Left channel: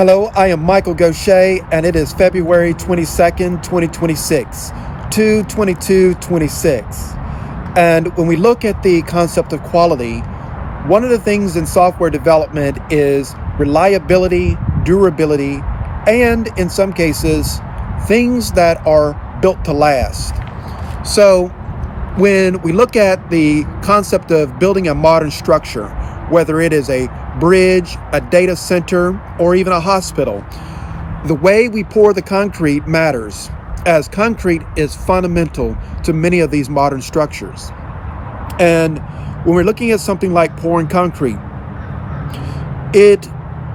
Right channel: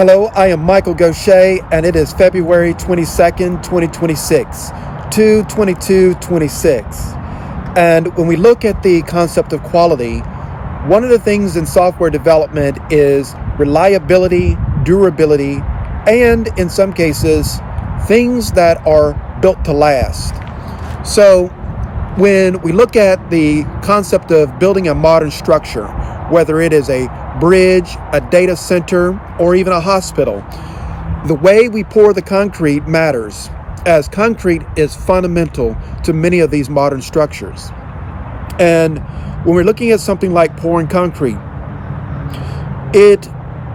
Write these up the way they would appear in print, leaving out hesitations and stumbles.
Hello, I am Michael Gautier, and it is February 22nd, 2026, 2/22/26. And when we look at the concept of quality, one of the things in software development is reliability, durability, and in some cases, things that are built to last. So when we look at the concept of building a modern structure, whether it is a bridge, a data center, or even a hospital, the way we pour the concrete matters, as concrete is fundamental to many of these modern structures. And when we're looking at something like pouring concrete,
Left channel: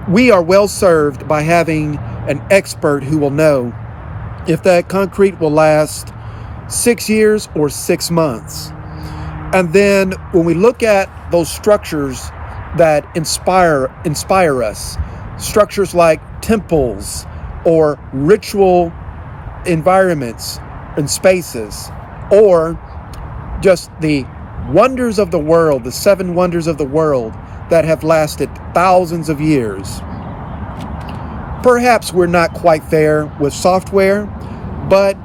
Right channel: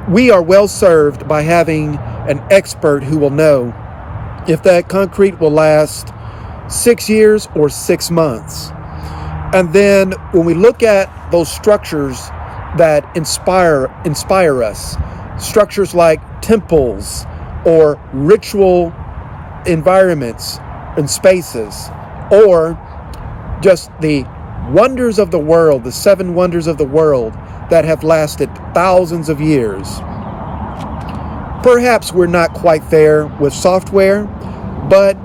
we are well served by having an expert who will know if that concrete will last 6 years or 6 months. And then when we look at those structures that inspire us, structures like temples or ritual environments and spaces, or just the wonders of the world, the 7 wonders of the world that have lasted thousands of years. Perhaps we're not quite there with software, but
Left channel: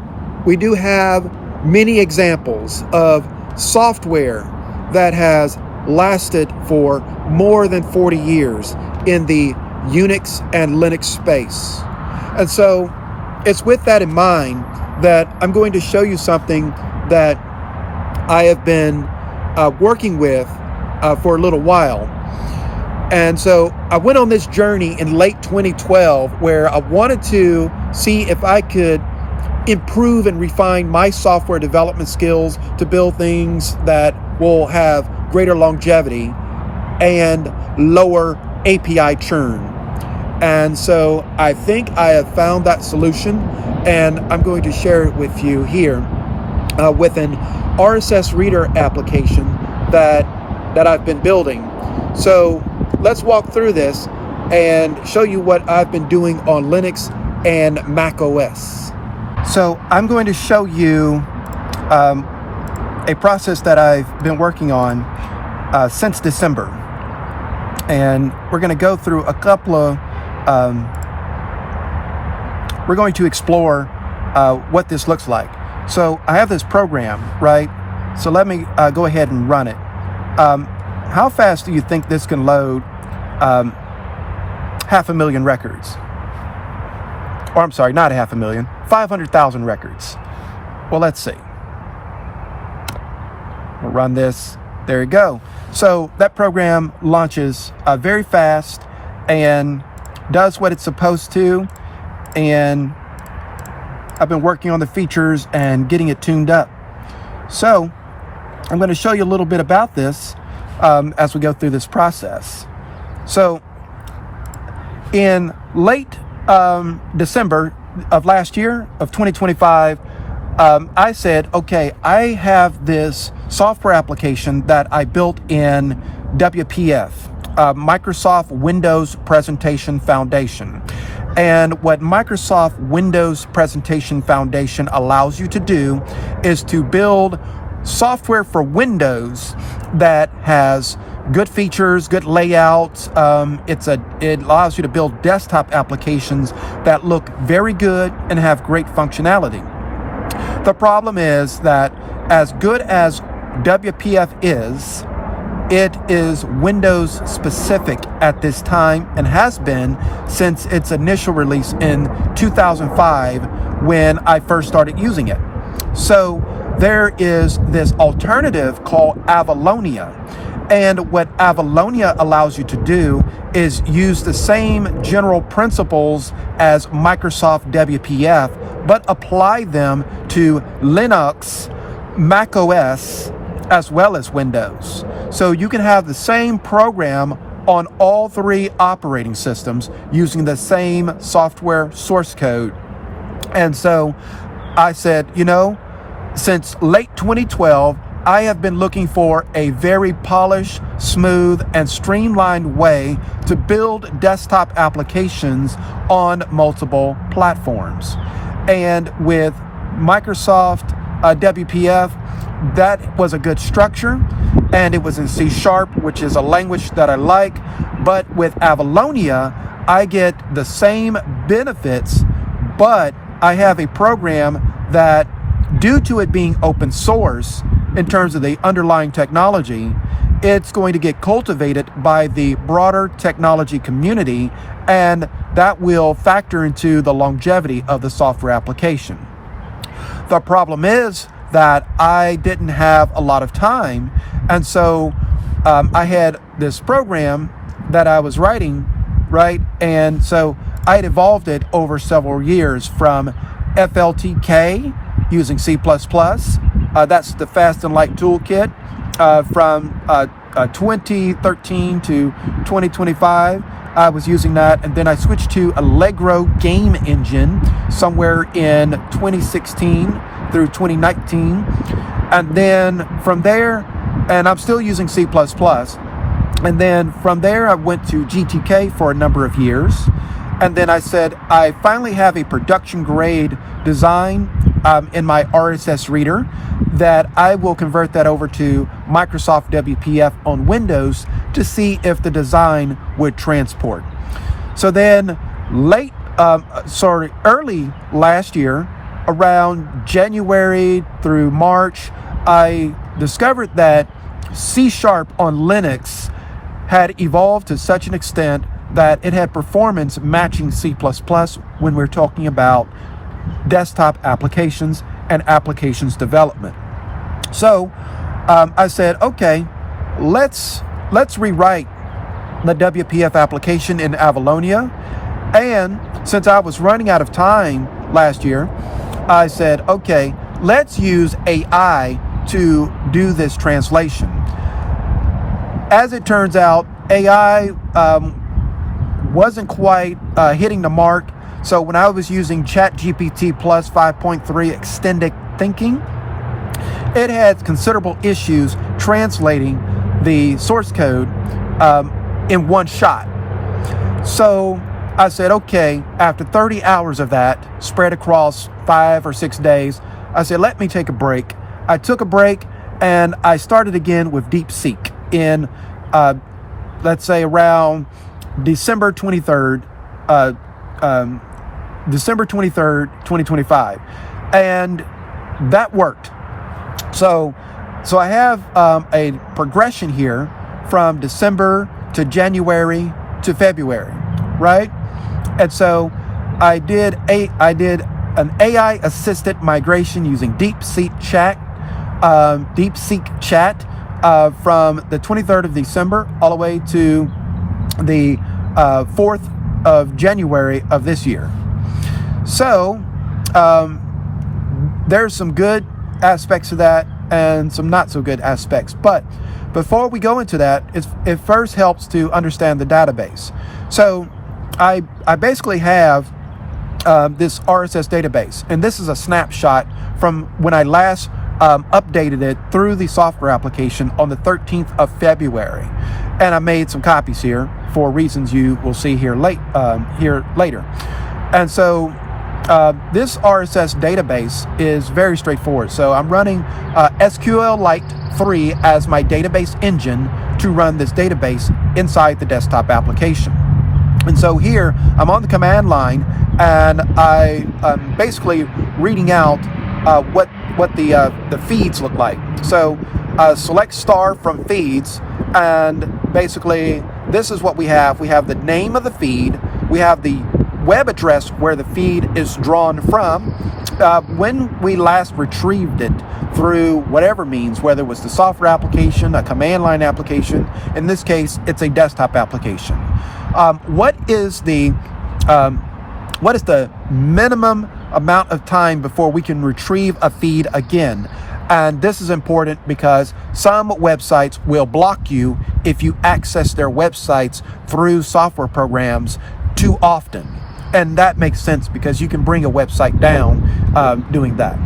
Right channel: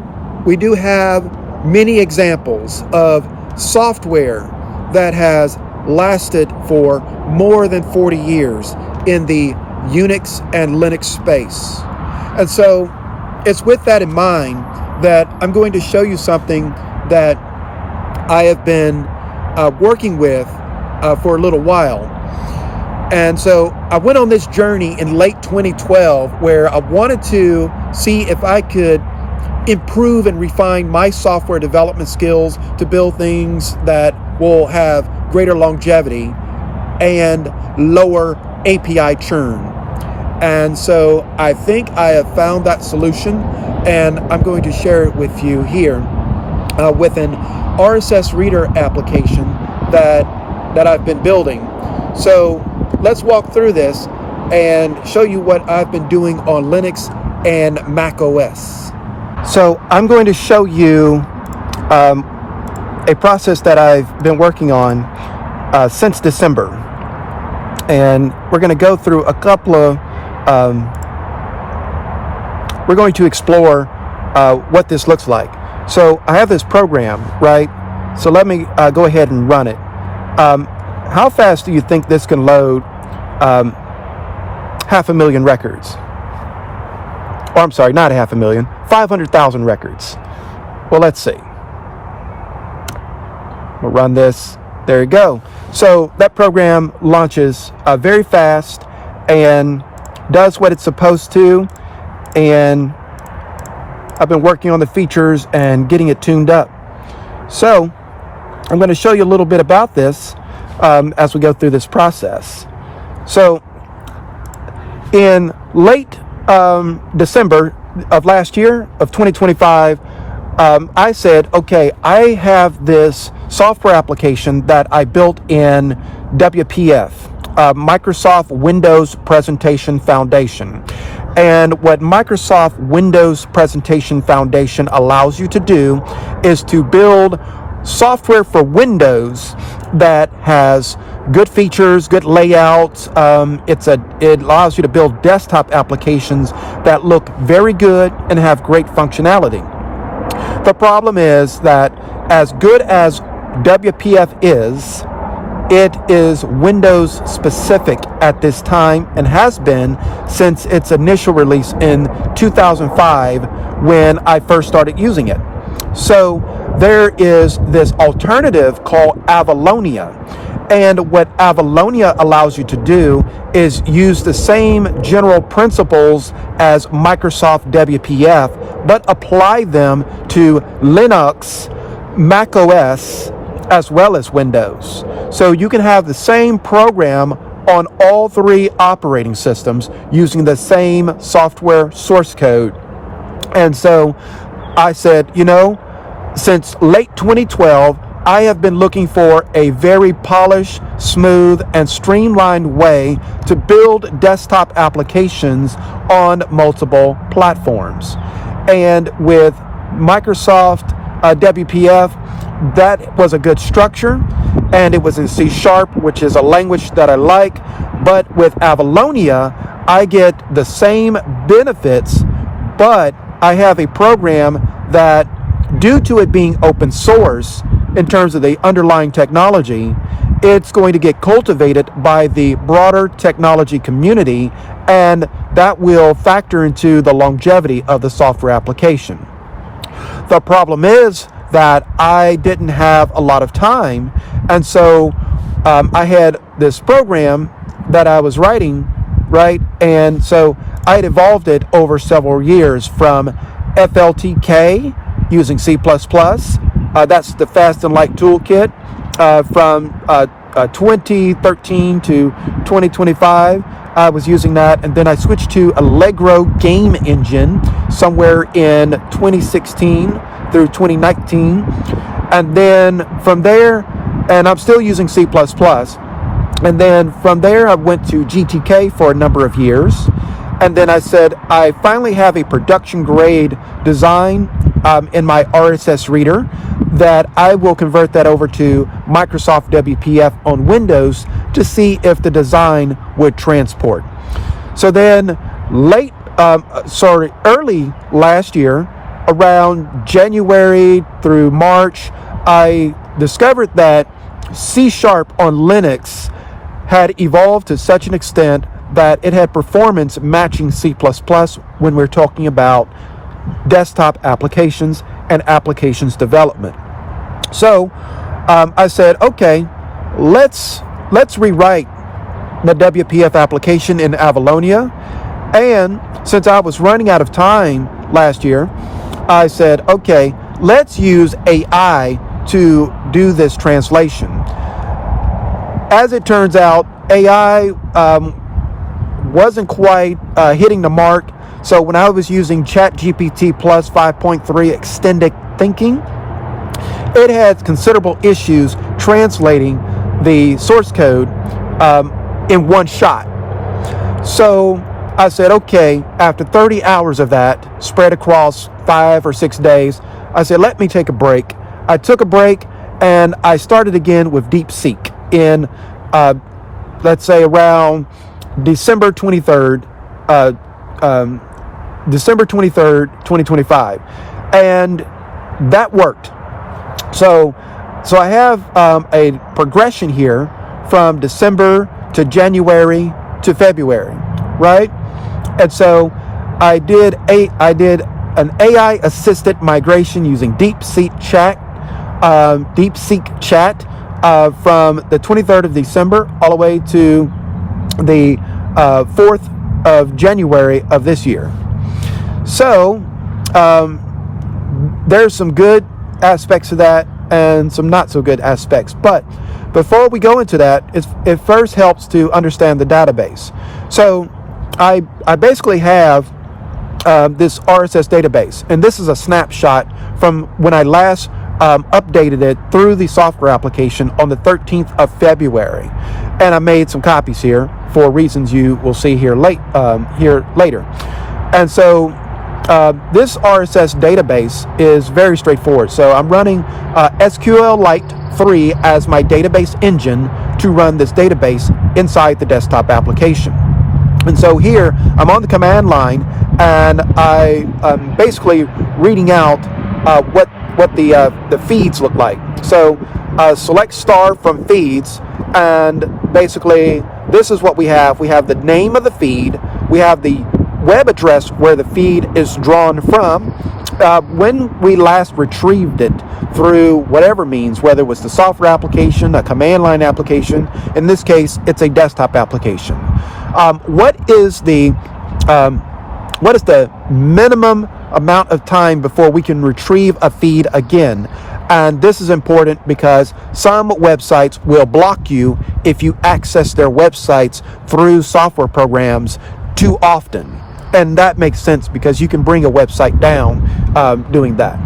we do have many examples of software that has lasted for more than 40 years in the Unix and Linux space. And so it's with that in mind that I'm going to show you something that I have been working with for a little while. And so I went on this journey in late 2012 where I wanted to see if I could improve and refine my software development skills to build things that will have greater longevity and lower API churn. And so I think I have found that solution, and I'm going to share it with you here with an RSS reader application that I've been building. So let's walk through this and show you what I've been doing on Linux and macOS. So I'm going to show you a process that I've been working on since December, and we're going to go through a couple of we're going to explore what this looks like. So I have this program, right? So let me go ahead and run it. How fast do you think this can load 500,000 records? Or I'm sorry, not 500,000, 500,000 records. Well, let's see. We'll run this. There you go. So that program launches very fast and does what it's supposed to. And I've been working on the features and getting it tuned up. So I'm going to show you a little bit about this as we go through this process. So in late December of last year, of 2025, I said, okay, I have this software application that I built in WPF, Microsoft Windows Presentation Foundation. And what Microsoft Windows Presentation Foundation allows you to do is to build software for Windows that has good features, good layouts. It allows you to build desktop applications that look very good and have great functionality. The problem is that as good as WPF is, it is Windows specific at this time and has been since its initial release in 2005 when I first started using it. So there is this alternative called Avalonia. And what Avalonia allows you to do is use the same general principles as Microsoft WPF, but apply them to Linux, macOS, as well as Windows. So you can have the same program on all 3 operating systems using the same software source code. And so I said, you know, since late 2012, I have been looking for a very polished, smooth, and streamlined way to build desktop applications on multiple platforms. And with Microsoft WPF, that was a good structure, and it was in C#, which is a language that I like. But with Avalonia, I get the same benefits, but I have a program that, due to it being open source in terms of the underlying technology, it's going to get cultivated by the broader technology community, and that will factor into the longevity of the software application. The problem is that I didn't have a lot of time, and so I had this program that I was writing, right? And so I had evolved it over several years from FLTK using C++. That's the Fast and Light Toolkit from 2013 to 2025. I was using that, and then I switched to Allegro Game Engine somewhere in 2016 through 2019. And then from there, and I'm still using C++. And then from there, I went to GTK for a number of years. And then I said, I finally have a production grade design in my RSS reader that I will convert that over to Microsoft WPF on Windows to see if the design would transport. So then early last year, around January through March, I discovered that C# on Linux had evolved to such an extent that it had performance matching C++ when we're talking about desktop applications and applications development. So I said, okay, let's rewrite the WPF application in Avalonia. And since I was running out of time last year, I said, okay, let's use AI to do this translation. As it turns out, AI wasn't quite hitting the mark. So when I was using ChatGPT Plus 5.3 Extended Thinking, it had considerable issues translating the source code in one shot. So I said, okay, after 30 hours of that, spread across 5 or 6 days, I said, let me take a break. I took a break, and I started again with DeepSeek in, let's say, around December 23rd, 2025. And that worked. So I have a progression here from December to January to February, right? And so I did an AI assisted migration using DeepSeek Chat from the 23rd of December all the way to the 4th of January of this year. So there's some good aspects of that and some not so good aspects. But before we go into that, it first helps to understand the database. So I basically have this RSS database, and this is a snapshot from when I last updated it through the software application on the 13th of February. And I made some copies here for reasons you will see here later. And so this RSS database is very straightforward. So I'm running SQLite 3 as my database engine to run this database inside the desktop application. And so here I'm on the command line, and I'm basically reading out what the feeds look like. So select star from feeds, and basically this is what we have. We have the name of the feed, we have the web address where the feed is drawn from, when we last retrieved it through whatever means, whether it was the software application, a command line application. In this case, it's a desktop application. What is the minimum amount of time before we can retrieve a feed again? And this is important because some websites will block you if you access their websites through software programs too often. And that makes sense because you can bring a website down doing that.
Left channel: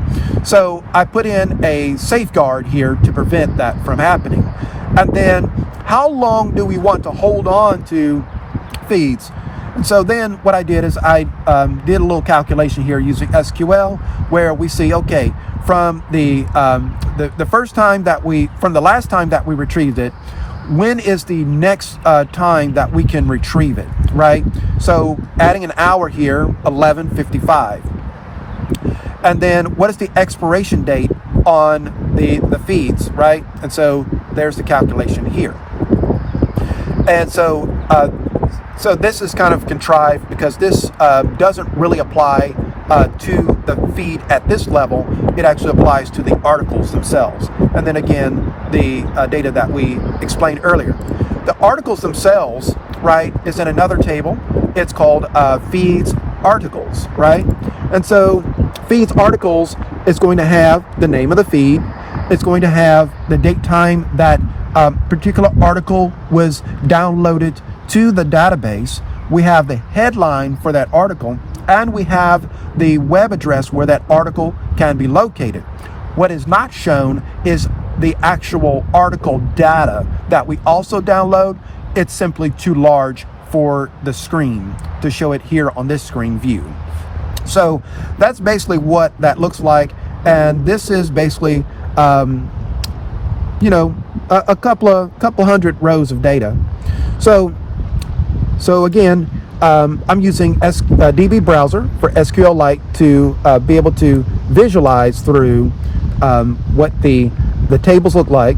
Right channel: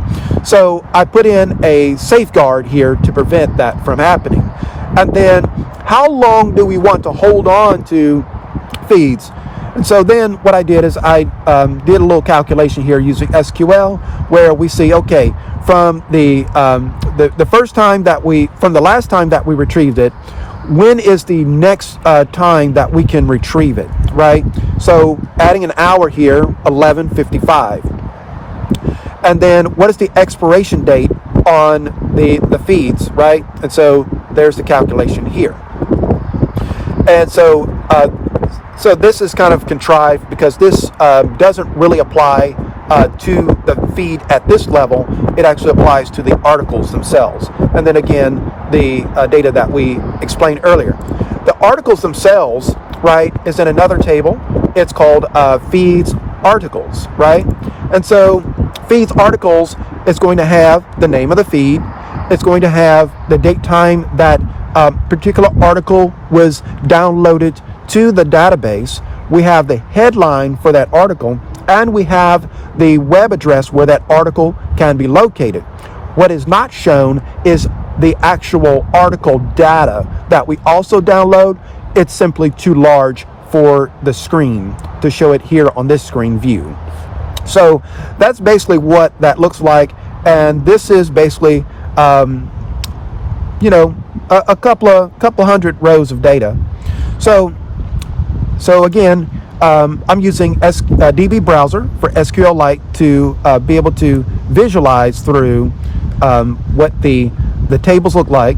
So I put in a safeguard here to prevent that from happening. And then how long do we want to hold on to feeds? And so then what I did is I did a little calculation here using SQL, where we see, okay, from the last time that we retrieved it, when is the next time that we can retrieve it, right? So adding an hour here, 11:55. And then what is the expiration date on the feeds, right? And so there's the calculation here. And so so this is kind of contrived because this doesn't really apply to the feed at this level. It actually applies to the articles themselves. And then again, the data that we explained earlier. The articles themselves, right, is in another table. It's called feeds articles, right? And so feeds articles is going to have the name of the feed. It's going to have the date time that particular article was downloaded to the database. We have the headline for that article, and we have the web address where that article can be located. What is not shown is the actual article data that we also download. It's simply too large for the screen to show it here on this screen view. So that's basically what that looks like, and this is basically you know, a couple hundred rows of data. So again, I'm using DB browser for SQLite to be able to visualize through what the tables look like.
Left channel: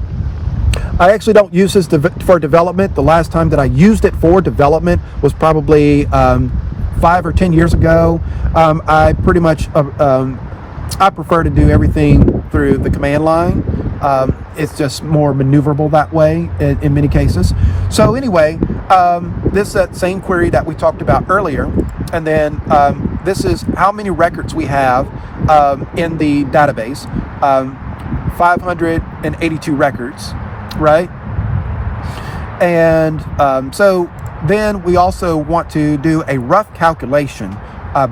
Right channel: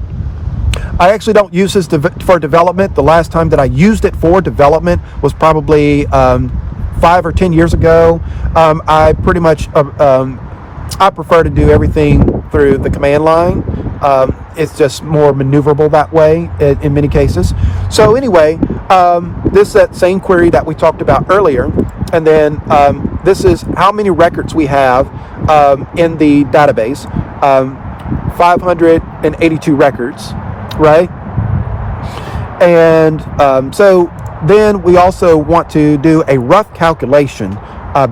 I actually don't use this for development. The last time that I used it for development was probably 5 or 10 years ago. I pretty much I prefer to do everything through the command line. It's just more maneuverable that way in many cases. So anyway, this is that same query that we talked about earlier, and then this is how many records we have in the database. 582 records, right? And so then we also want to do a rough calculation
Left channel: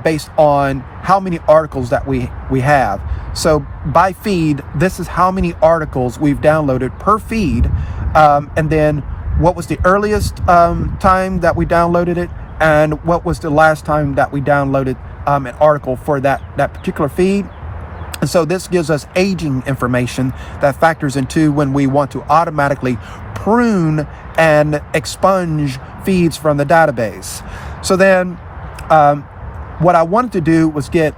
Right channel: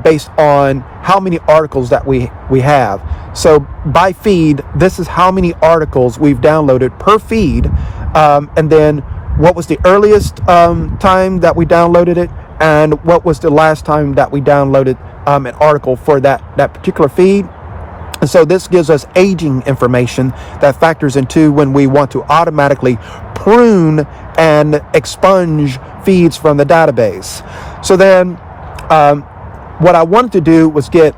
based on how many articles that we have. So by feed, this is how many articles we've downloaded per feed, and then what was the earliest time that we downloaded it, and what was the last time that we downloaded an article for that particular feed. And so this gives us aging information that factors into when we want to automatically prune and expunge feeds from the database. So then what I wanted to do was get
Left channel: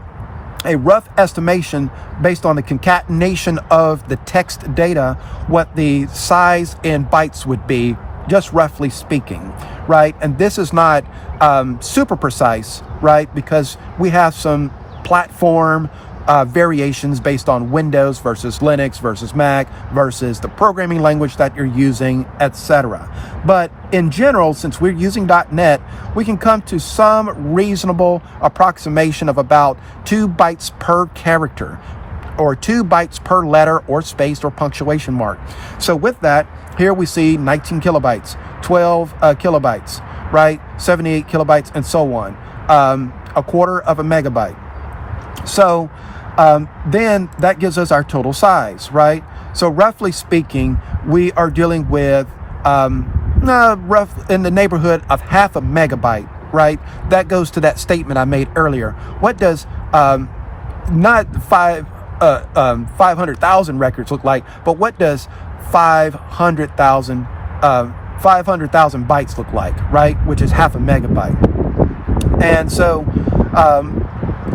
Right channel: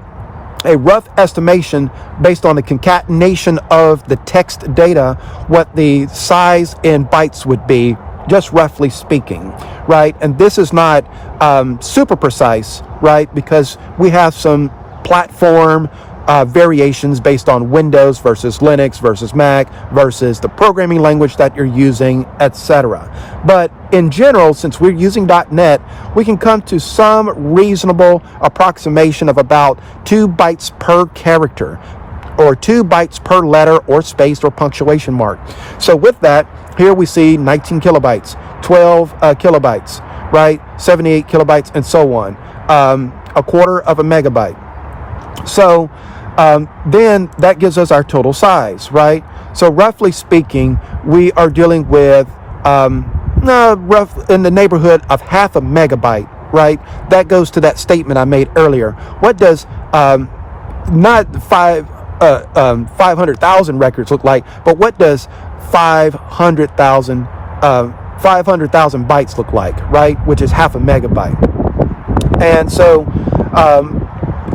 a rough estimation based on the concatenation of the text data, what the size in bytes would be, just roughly speaking, right? And this is not super precise, right? Because we have some platform variations based on Windows versus Linux versus Mac versus the programming language that you're using, etc. But in general, since we're using .NET, we can come to some reasonable approximation of about 2 bytes per character, or 2 bytes per letter or space or punctuation mark. So with that, here we see 19 kilobytes, 12 kilobytes, right? 78 kilobytes, and so on. A quarter of a megabyte. So then that gives us our total size, right? So roughly speaking, we are dealing with rough in the neighborhood of half a megabyte, right? That goes to that statement I made earlier. What does not 500,000 records look like, but what does 500,000 bytes look like, right? Which is half a megabyte. And so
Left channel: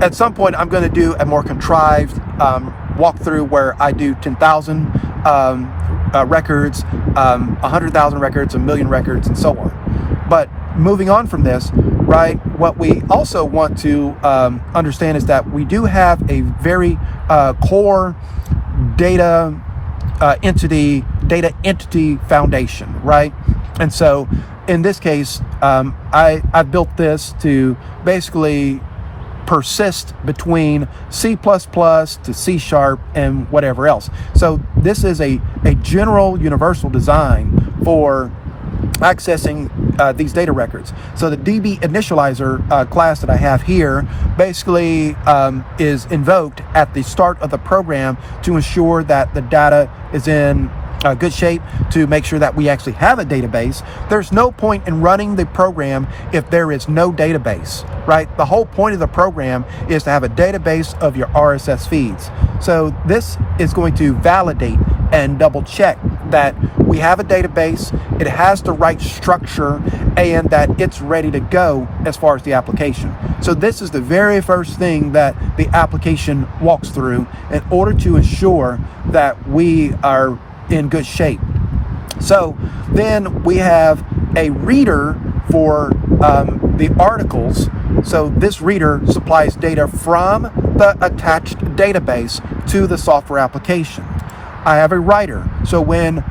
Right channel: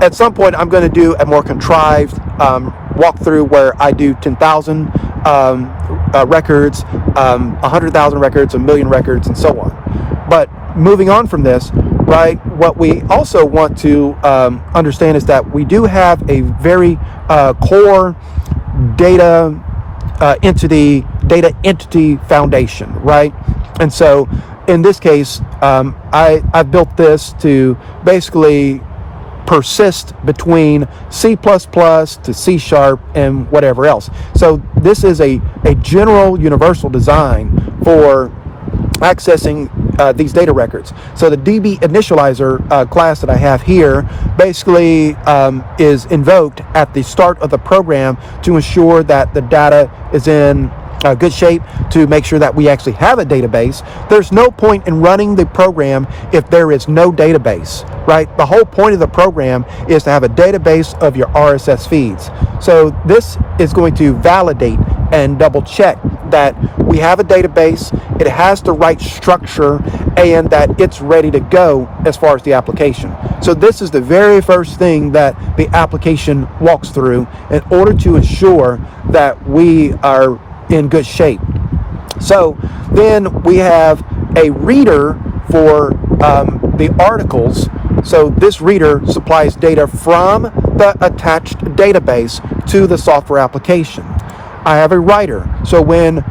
at some point, I'm going to do a more contrived walkthrough where I do 10,000 records, 100,000 records, 1,000,000 records, and so on. But moving on from this, right, what we also want to understand is that we do have a very core data entity foundation, right? And so in this case, I built this to basically persist between C++ to C# and whatever else. So this is a general universal design for accessing these data records. So the DB initializer class that I have here basically is invoked at the start of the program to ensure that the data is in good shape, to make sure that we actually have a database. There's no point in running the program if there is no database, right? The whole point of the program is to have a database of your RSS feeds. So this is going to validate and double check that we have a database, it has the right structure, and that it's ready to go as far as the application. So this is the very first thing that the application walks through in order to ensure that we are in good shape. So then we have a reader for the articles. So this reader supplies data from the attached database to the software application. I have a writer. So when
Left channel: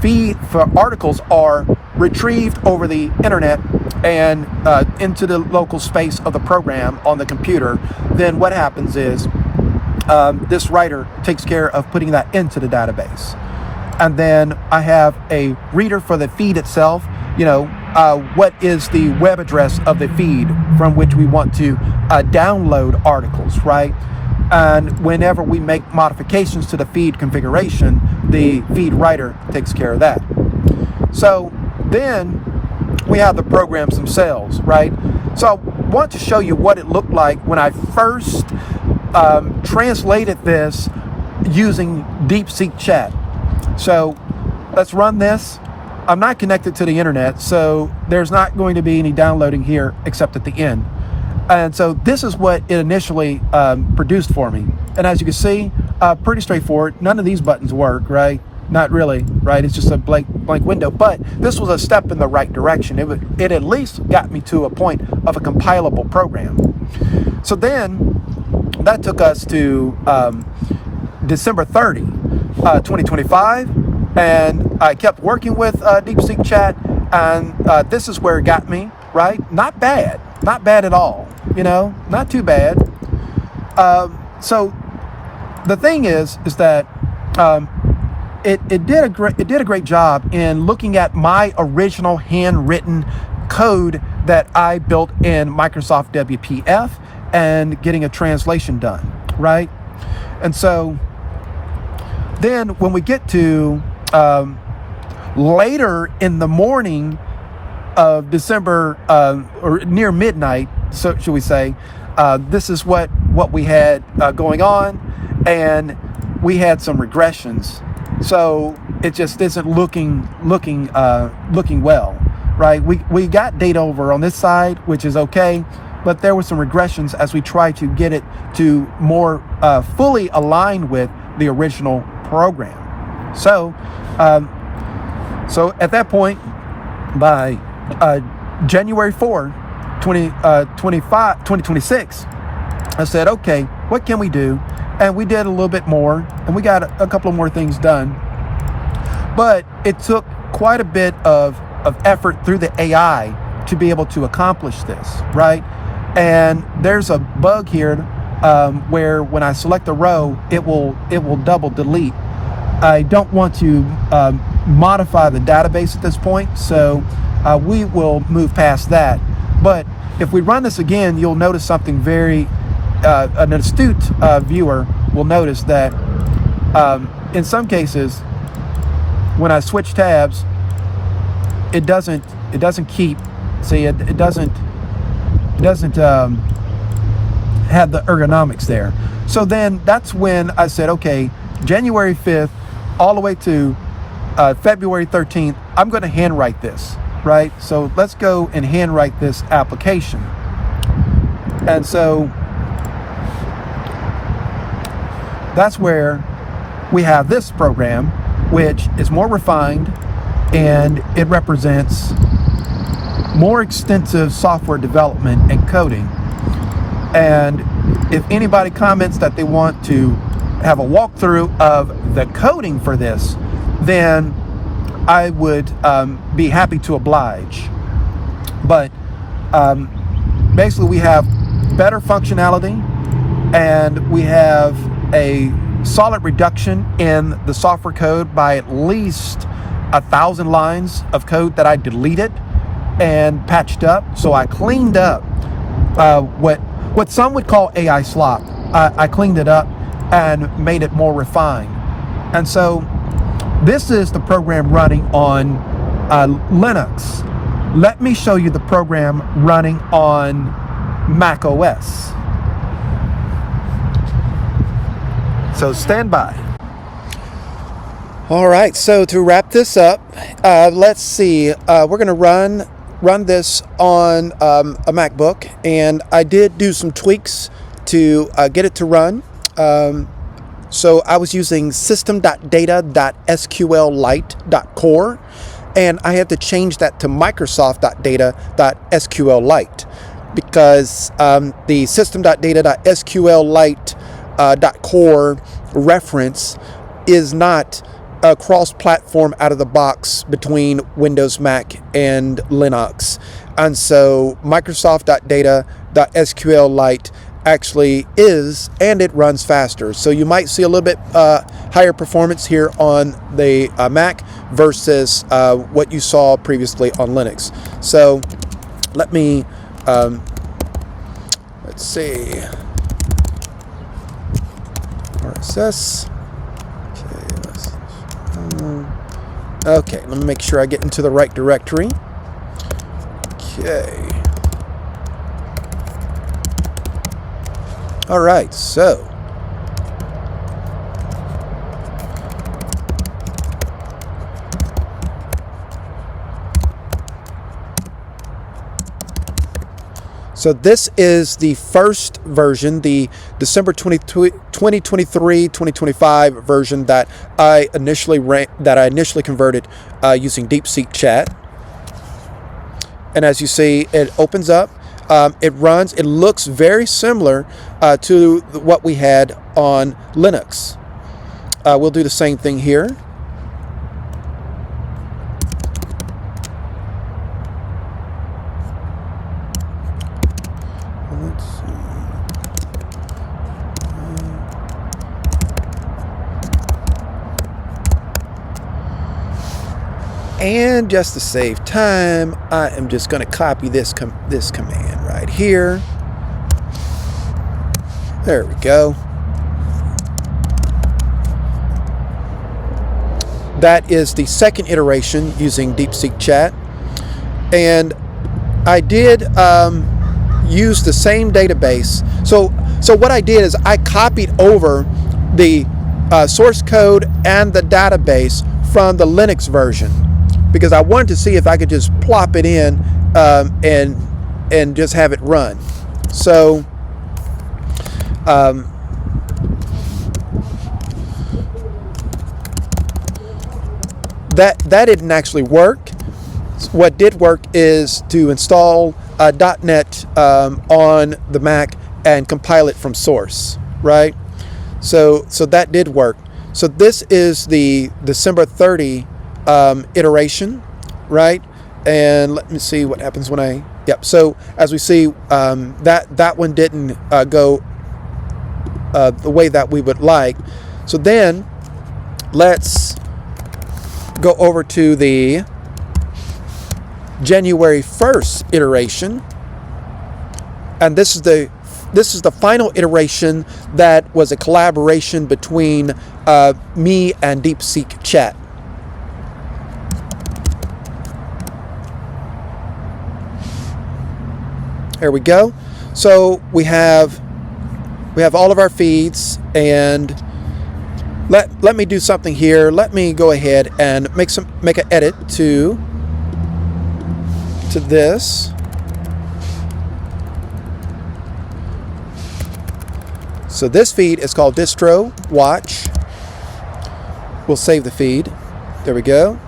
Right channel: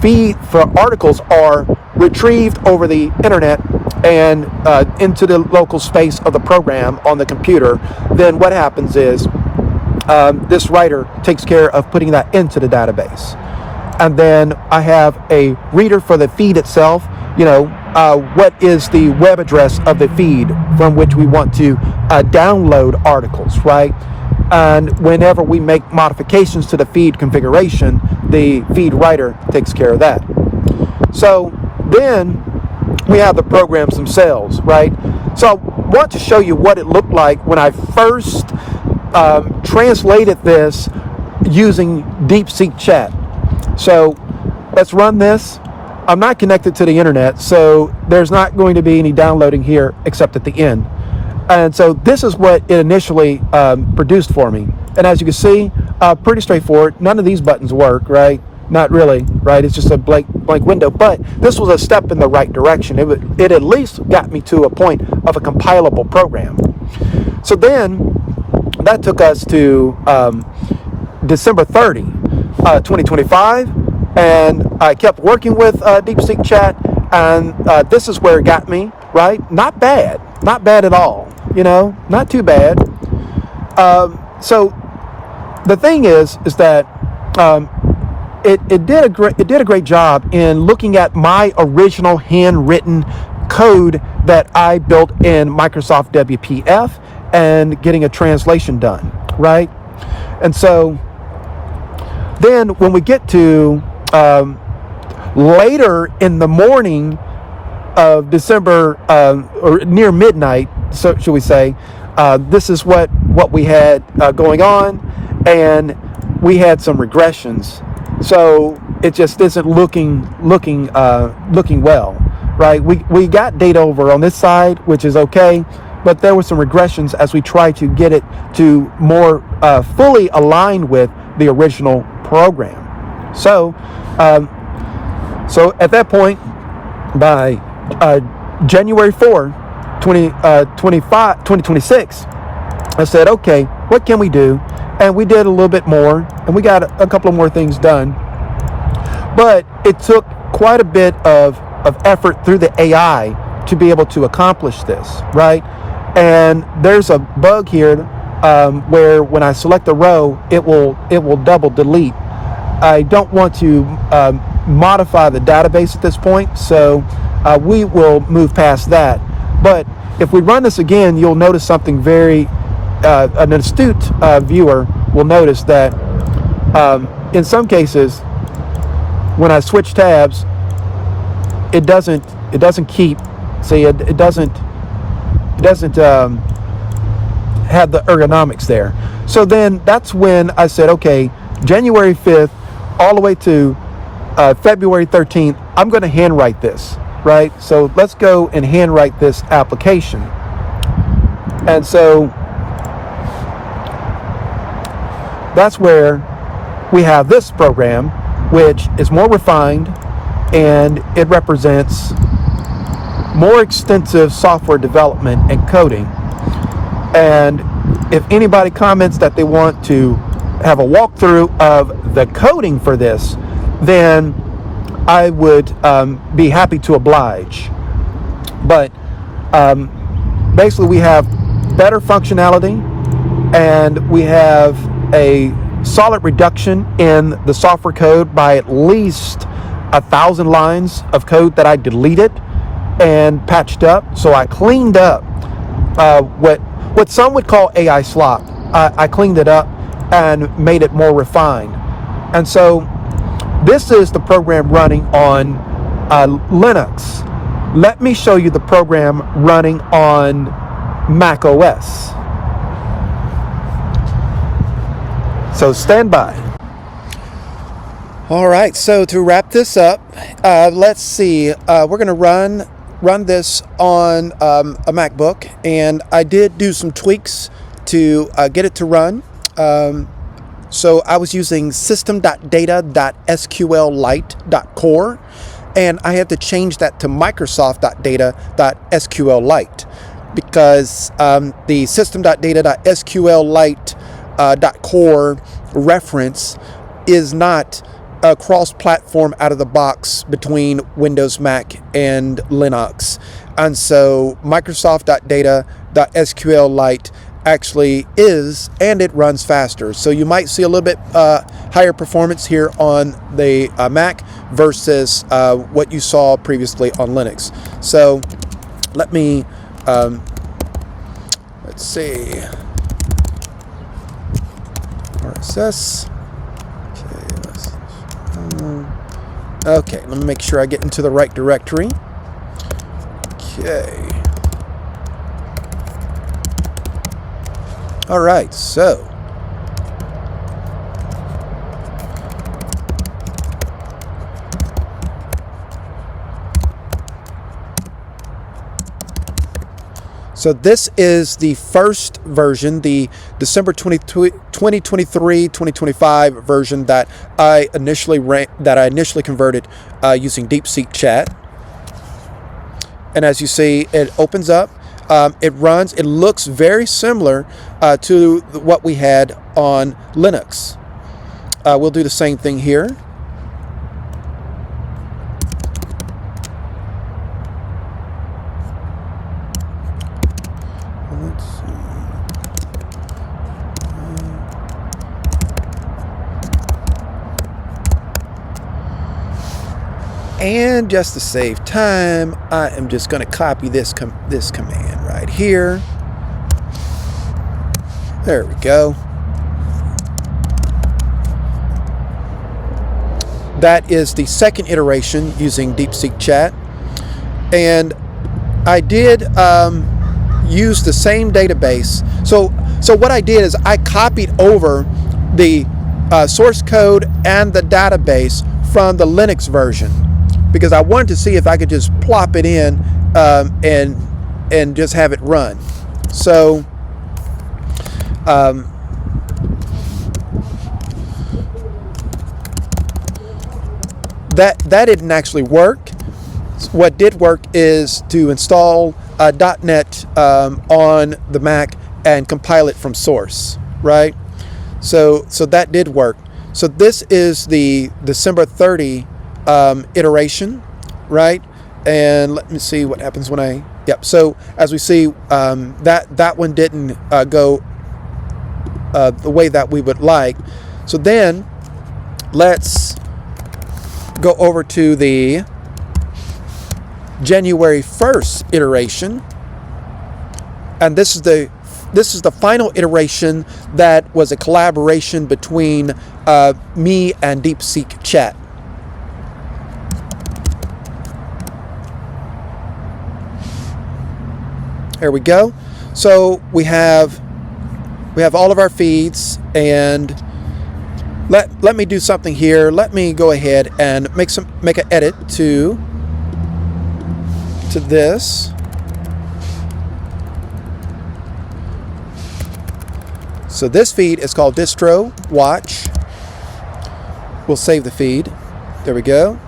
feed for articles are retrieved over the internet and into the local space of the program on the computer, then what happens is this writer takes care of putting that into the database. And then I have a reader for the feed itself. What is the web address of the feed from which we want to download articles, right? And whenever we make modifications to the feed configuration, the feed writer takes care of that. So then we have the programs themselves, right? So I want to show you what it looked like when I first translated this using DeepSeek Chat. So let's run this. I'm not connected to the internet, so there's not going to be any downloading here except at the end. And so this is what it initially produced for me. And as you can see, pretty straightforward. None of these buttons work, right? Not really, right? It's just a blank window. But this was a step in the right direction. It at least got me to a point of a compilable program. So then that took us to December 30, 2025. And I kept working with DeepSeek Chat. And this is where it got me, right? Not bad. Not bad at all. Not too bad. So the thing is that it did a great job in looking at my original handwritten code that I built in Microsoft WPF and getting a translation done, right? And so then when we get to later in the morning of December, or near midnight, so should we say, this is what we had going on, and we had some regressions. So it just isn't looking well, right? We got data over on this side, which is okay, but there were some regressions as we tried to get it to more fully align with the original program. So at that point, by January 4, 2026, I said, okay, what can we do? And we did a little bit more, and we got a couple of more things done. But it took quite a bit of effort through the AI to be able to accomplish this, right? And there's a bug here where when I select a row, it will double delete. I don't want to modify the database at this point, so we will move past that. But if we run this again, you'll notice something very, an astute viewer will notice that in some cases, when I switch tabs, it doesn't keep, see, it doesn't have the ergonomics there. So then that's when I said, okay, January 5th all the way to February 13th, I'm going to handwrite this, right? So let's go and handwrite this application. And so that's where we have this program, which is more refined, and it represents more extensive software development and coding. And if anybody comments that they want to have a walkthrough of the coding for this, then I would be happy to oblige. But basically we have better functionality, and we have a solid reduction in the software code by at least 1,000 lines of code that I deleted and patched up. So I cleaned up what some would call AI slop. I cleaned it up and made it more refined. And so this is the program running on Linux. Let me show you the program running on macOS. So stand by. All right, so to wrap this up, let's see. We're going to run this on a MacBook, and I did do some tweaks to get it to run. So I was using system.data.sqlite.core, and I had to change that to microsoft.data.sqlite because the system.data.sqlite.core reference is not a cross-platform out of the box between Windows, Mac, and Linux. And so Microsoft.data.sqlite actually is, and it runs faster. So you might see a little bit higher performance here on the Mac versus what you saw previously on Linux. So let me, let's see, RSS. Okay, let me make sure I get into the right directory. Okay. All right, so this is the first version, the December 2023-2025 version that I initially converted using DeepSeek Chat. And as you see, it opens up. It runs. It looks very similar to what we had on Linux. We'll do the same thing here. Let's see. And just to save time, I am just going to copy this command right here. There we go. That is the second iteration using DeepSeek Chat. And I did use the same database. So what I did is I copied over the source code and the database from the Linux version, because I wanted to see if I could just plop it in and just have it run. So that didn't actually work. What did work is to install .NET on the Mac and compile it from source, right? So that did work. So this is the December 30 iteration, right? And let me see what happens when I, yep. So as we see, that one didn't go the way that we would like. So then let's go over to the January 1st iteration, and this is the final iteration that was a collaboration between me and DeepSeek Chat. There we go. So we have all of our feeds, and let me do something here. Let me go ahead and make an edit to this. So this feed is called distro watch. We'll save the feed. There we go.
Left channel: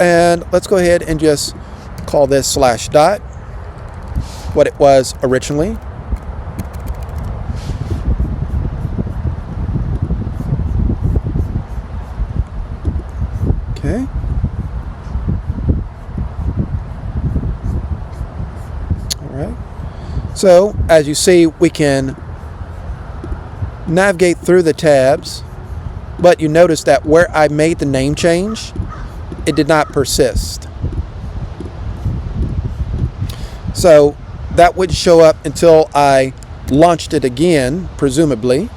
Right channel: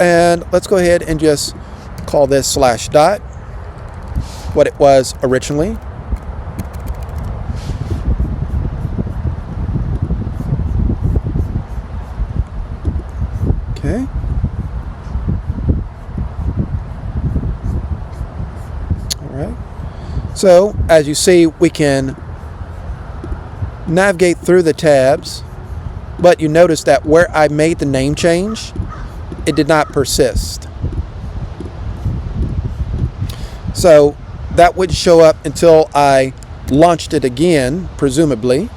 And let's go ahead and just call this /dot, what it was originally. Okay. All right. So as you see, we can navigate through the tabs, but you notice that where I made the name change, it did not persist. So that would show up until I launched it again, presumably,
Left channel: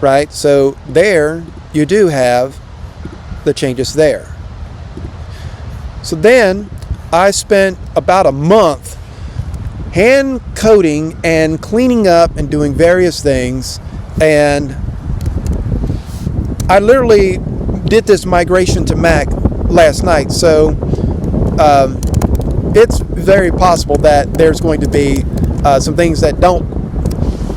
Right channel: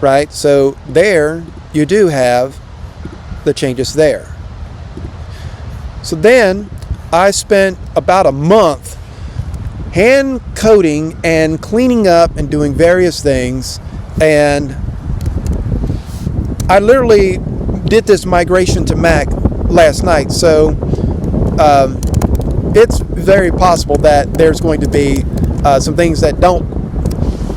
right? So there you do have the changes there. So then I spent about a month hand coding and cleaning up and doing various things, and I literally did this migration to Mac last night, so it's very possible that there's going to be some things that don't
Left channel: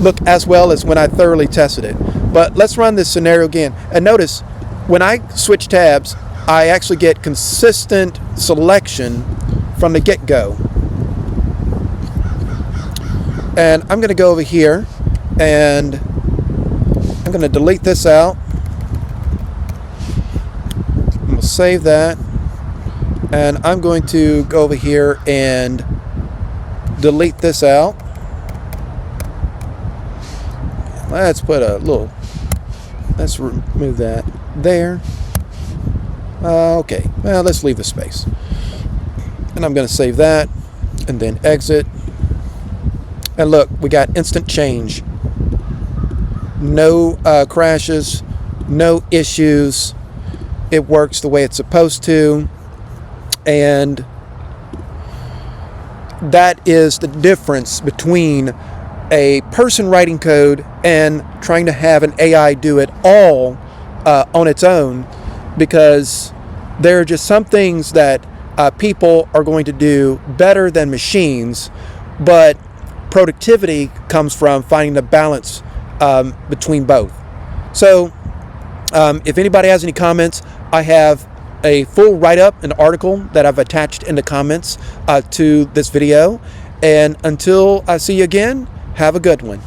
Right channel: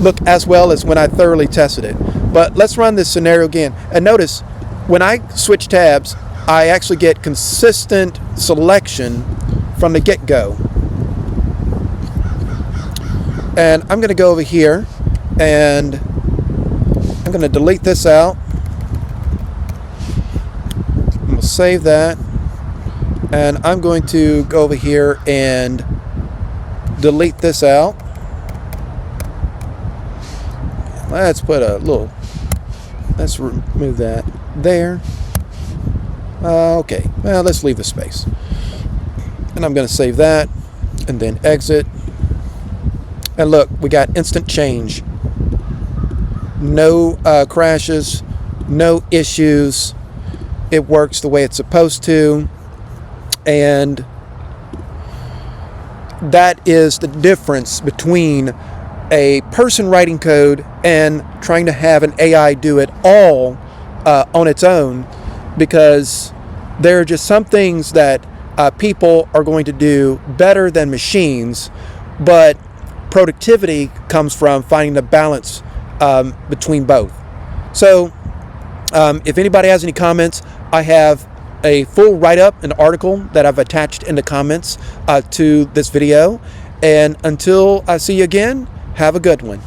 look as well as when I thoroughly tested it. But let's run this scenario again. And notice, when I switch tabs, I actually get consistent selection from the get-go. And I'm going to go over here, and I'm going to delete this out. I'm going to save that. And I'm going to go over here and delete this out. Let's put a little, let's remove that there. Okay, well, let's leave the space. And I'm going to save that and then exit. And look, we got instant change. No crashes, no issues. It works the way it's supposed to. And that is the difference between a person writing code and trying to have an AI do it all on its own, because there are just some things that people are going to do better than machines, but productivity comes from finding the balance between both. So if anybody has any comments, I have a full write-up, an article that I've attached in the comments to this video. And until I see you again, have a good one.